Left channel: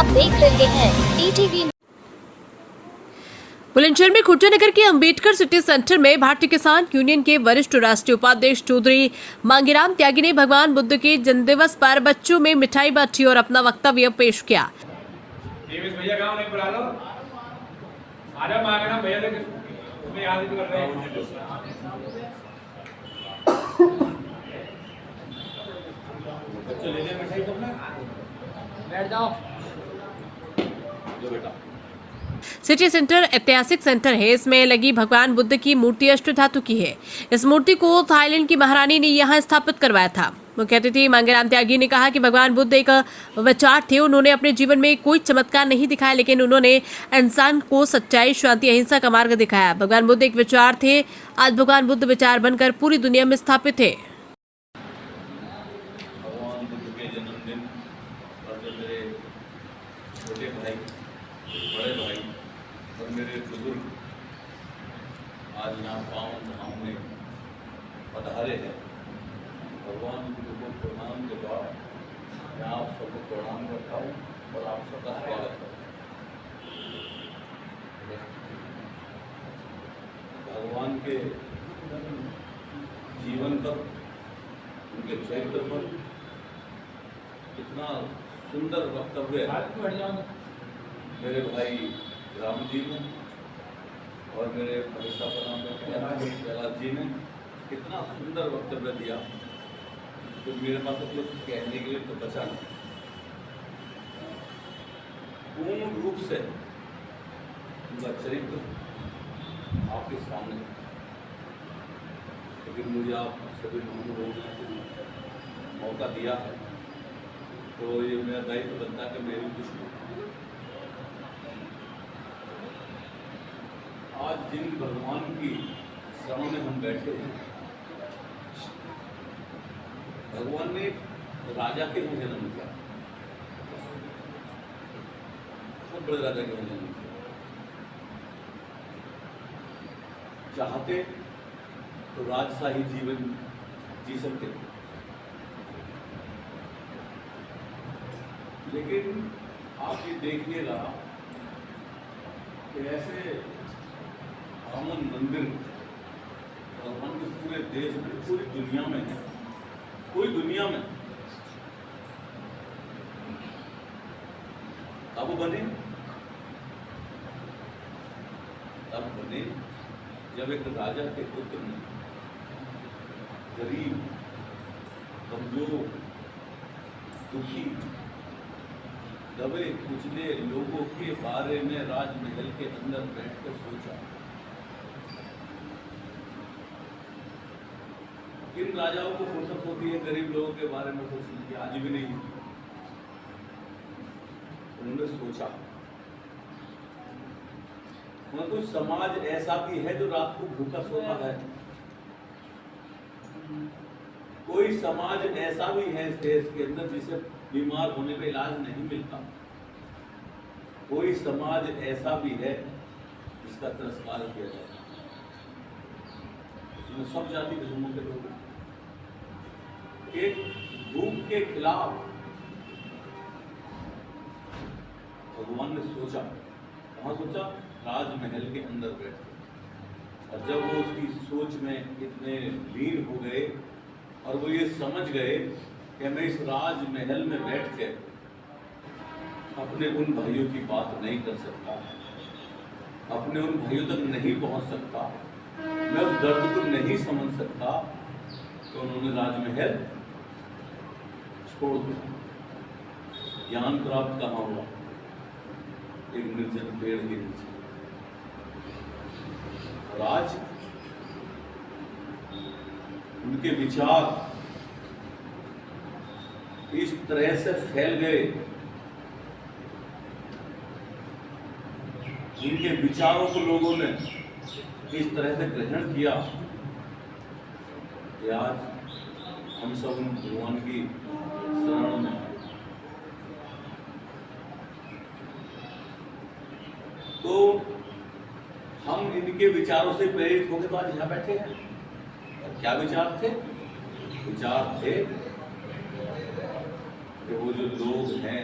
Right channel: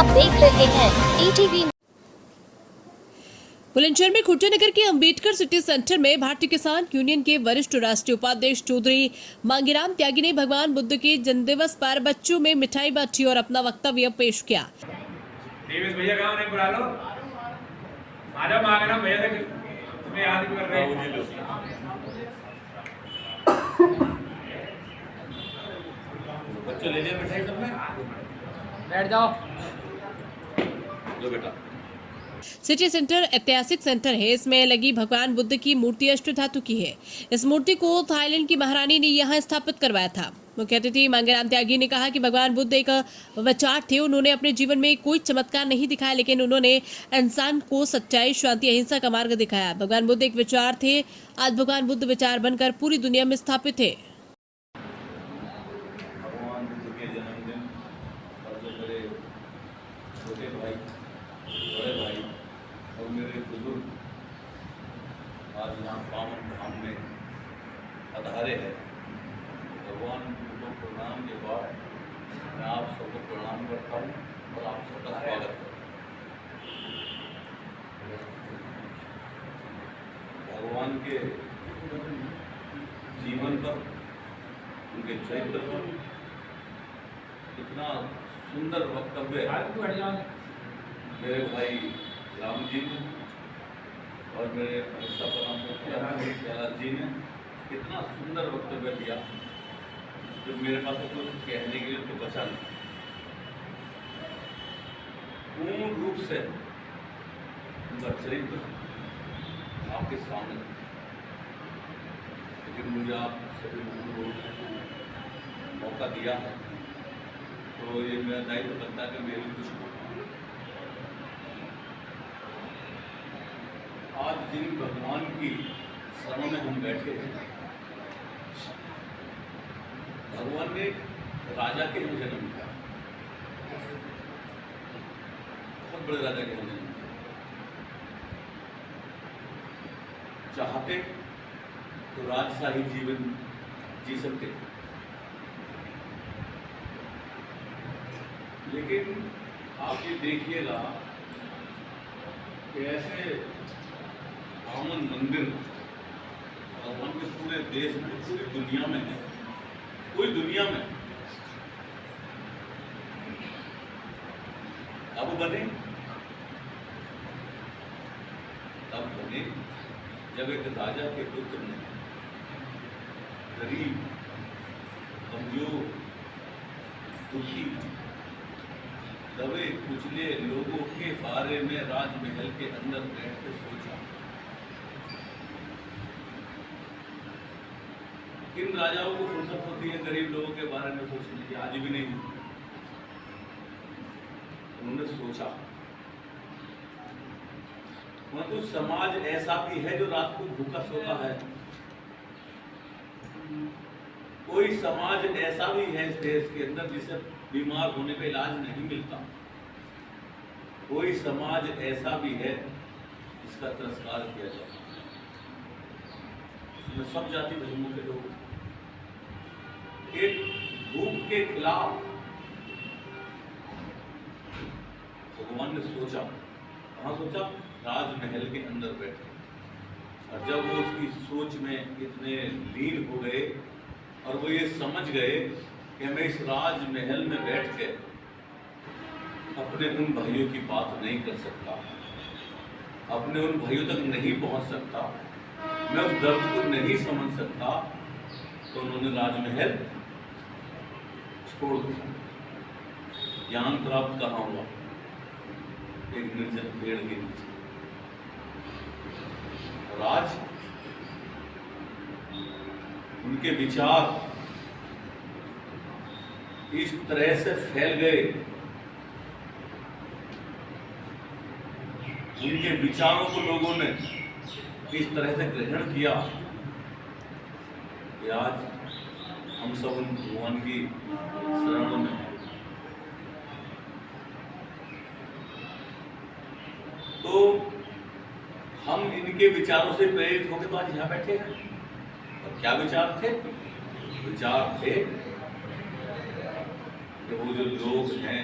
आप देख रहे हैं ईटीवी। बुलंदशहर में खुट्टा नगर के अंबेडकर सिटी सेंटर में भारतीय किसान यूनियन के वरिष्ठ राष्ट्रीय उपाध्यक्ष चौधरी मांगीराम त्यागी ने भगवान बुद्ध के जन्मदिवस पर बच्चों में मिठाई बांटी और अपना वक्तव्य पेश किया। भैया गाँव नहीं बुला लो, आजा मांगना भैया से याद कर रहे हैं। बच्चों ले लिया मिठाई सबने, बैठ जाओ। जो बेटा सिटी सेंटर ऐतिहासिक सेंटर है। इसमें लगी भगवान बुद्ध की मूर्ति अष्ट धातु की है। इस मूर्ति को थाईलैंड की महारानी ने यहां स्थापित करवाया था। मुख्य अतिथि मांगीराम त्यागी ने कहा कि भगवान बुद्ध एक विचार थे। उन्होंने अपने जीवन में कोई चमत्कार नहीं दिखाया, लेकिन उन्होंने इंसान को सच्चाई, शांति, अहिंसा का मार्ग दिखाया। भगवान बुद्ध एक विचार थे। आज भगवान बुद्ध विचार बनकर पूरी दुनिया में स्थापित है। भगवान बुद्ध के जन्मदिन पर जो मेरे छोटे भाई, बड़े भाई और मेरे बुजुर्ग आज यहाँ पावन धाम में पधारे हैं, भगवान बुद्ध को प्रणाम के बाद मैं आप सबको प्रणाम करता हूँ और आप सबका स्वागत करता हूँ। भगवान के जीवन पर, उनके चरित्र पर इतना सुंदर वक्तव्य मेरे भाई राम जी ने और मेरे भाई साहब कैलाश जी ने कितना सुंदर वक्तव्य दिया जो मेरे पास तो कुछ कहने के लिए तो बचा नहीं। पूर्ण रूप से उनका चरित्र आपके सामने, लेकिन मुझे आप सभी लोगों ने मौका दिया है तो ये मेरा दायित्व बनता है कि मैं भी कुछ बोलूं। आज जिन भगवान की शरण में हम बैठे हैं, भगवान ने राजा के यहाँ जन्म लिया, बहुत बड़े राजा के यहाँ जन्म लिया। चाहते तो राजशाही जीवन जी सकते थे, लेकिन आप ये देखिएगा कि ऐसे रामन मंदिर भगवान के पूरे देश में, पूरी दुनिया में है, पूरी दुनिया में कब बने जब एक राजा के पुत्र ने गरीब, कमजोर, दुखी, दबे कुचले लोगों के बारे में राजमहल के अंदर बैठकर सोचा। किन राजाओं को फुर्सत होती है गरीब लोगों के बारे में सोचने की? आज भी नहीं। उन्होंने सोचा कुछ समाज ऐसा भी है जो रात को भूखा सोता है, कोई समाज ऐसा भी है इस देश के अंदर जिसे बीमार होने का इलाज नहीं मिलता, कोई समाज ऐसा भी है जिसका तिरस्कार किया जाता है, उसमें सब जाति धर्मों के लोग एक भूख के खिलाफ भगवान ने सोचा। कहाँ सोचा? राजमहल के अंदर बैठ के। और जब वो उसकी सोच में इतने लीन हो गए और वो ये समझ गए कि मैं इस राजमहल में बैठ के अपने उन भाइयों की बात नहीं कर सकता, अपने उन भाइयों तक नहीं पहुंच सकता, मैं उस दर्द को नहीं समझ सकता, तो उन्होंने राजमहल छोड़ दिया। ज्ञान प्राप्त कहाँ हुआ? एक निर्जन पेड़ के नीचे। और आज उनके विचार इस तरह से फैल गए, उनके विचारों को लोगों ने इस तरह से ग्रहण किया कि आज हम सब उन भगवान की शरणों में हैं। तो हम इनके विचारों से प्रेरित होकर तो आज यहाँ बैठे हैं। और क्या विचार थे? विचार थे कि वो जो लोग हैं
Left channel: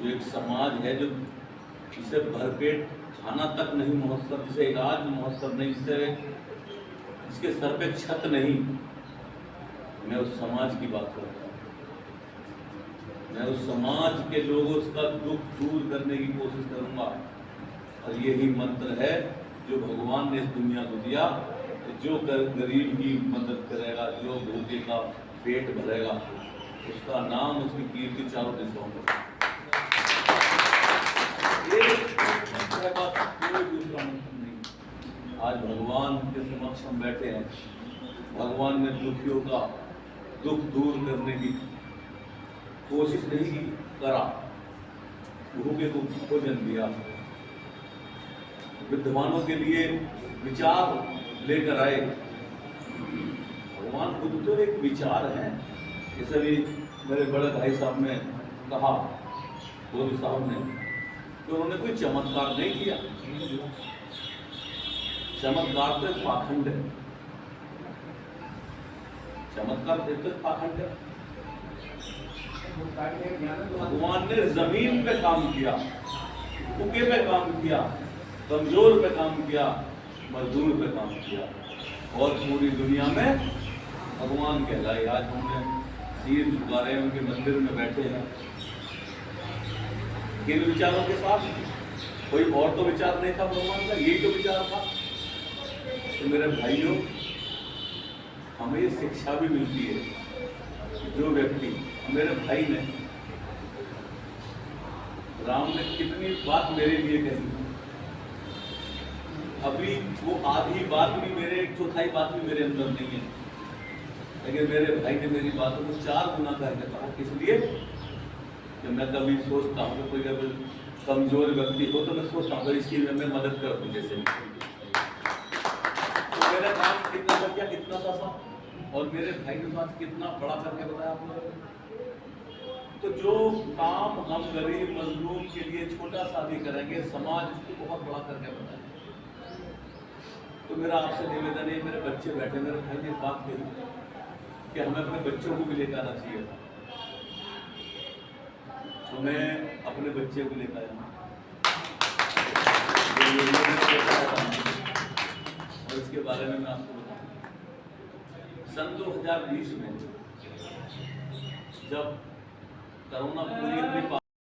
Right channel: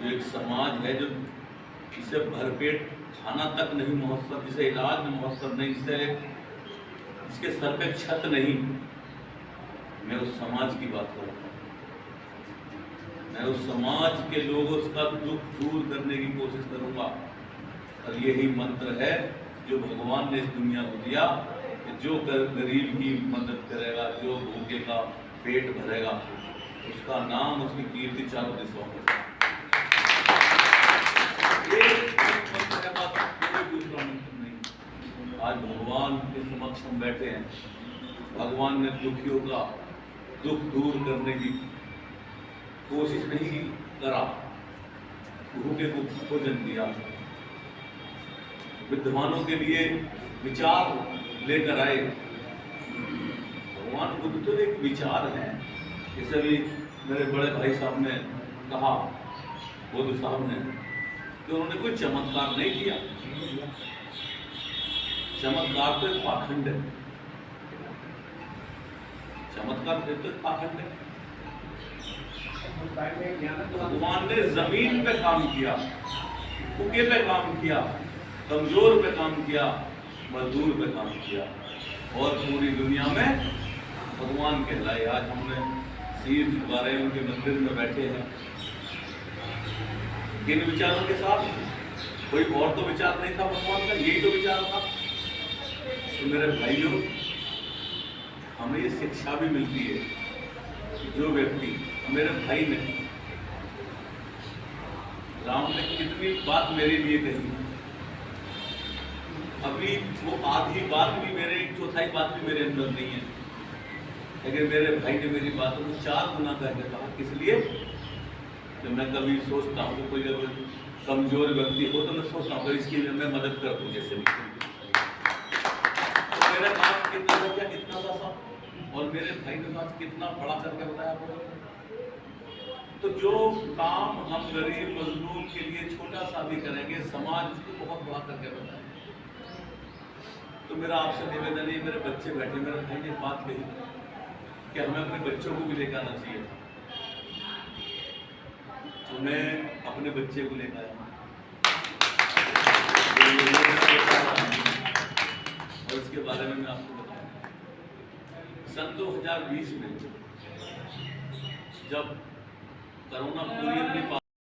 जो एक समाज है जो जिसे भरपेट खाना तक नहीं महोत्सव, जिसे इलाज महोत्सव नहीं, जिसके सर पे छत नहीं, मैं उस समाज की बात करता हूँ। मैं उस समाज के लोगों का दुख दूर करने की कोशिश करूंगा। और यही मंत्र है जो भगवान ने इस दुनिया को दिया, जो गरीब की मदद करेगा, जो भूखे का पेट भरेगा, उसका नाम, उसकी कीर्ति चारों दिशाओं में। कोई दूसरा मंत्र नहीं। आज भगवान के समक्ष हम बैठे हैं, भगवान ने दुखियों का दुख दूर करने की कोशिश नहीं करा, भूखे को भोजन दिया, विद्वानों के लिए विचार लेकर आए। भगवान बुद्ध तो एक विचार है। जैसे भी मेरे बड़े भाई साहब ने कहा, बुद्ध साहब ने, कि उन्होंने कोई चमत्कार नहीं किया। चमत्कार तो एक पाखंड है, चमत्कार तो एक पाखंड है। भगवान ने जमीन पे काम किया, भूखे पे काम किया, कमजोर पे काम किया, मजदूर पे काम किया, और पूरी दुनिया में भगवान कहलाए। आज हमने सिर झुका रहे हैं, उनके मंदिर में बैठे हैं। किन विचारों के साथ? कोई और तो विचार नहीं था भगवान का, यही तो विचार था। तो मेरे भाइयों, हमें ये शिक्षा भी मिलती है कि जो व्यक्ति, मेरे भाई ने, राम ने कितनी बात मेरे लिए कही, अभी वो आधी बात भी मेरे, एक चौथाई बात भी मेरे अंदर नहीं है, लेकिन मेरे भाई ने मेरी बातों को 4 गुना करके कहा। किस लिए? कि मैं कभी सोचता हूँ कि कोई अगर कमजोर व्यक्ति हो तो मैं सोचता हूँ इसकी मैं मदद कर दूँ जैसे भी। तो मेरा काम कितना था, क्या कितना था, और मेरे भाई ने बात कितना बड़ा करके बताया आपको। तो जो काम हम गरीब मजलूम के लिए छोटा सा भी करेंगे, समाज उसको बहुत बड़ा करके बताए। तो मेरा आपसे निवेदन है, मेरे बच्चे बैठे, मेरे भाई ने बात कही कि हमें अपने बच्चों को भी लेकर आना चाहिए। तो मैं अपने बच्चे को लेकर आया, और इसके बारे में मैं आपको बताऊं। सन 2020 में जब कोरोना पूरी अपनी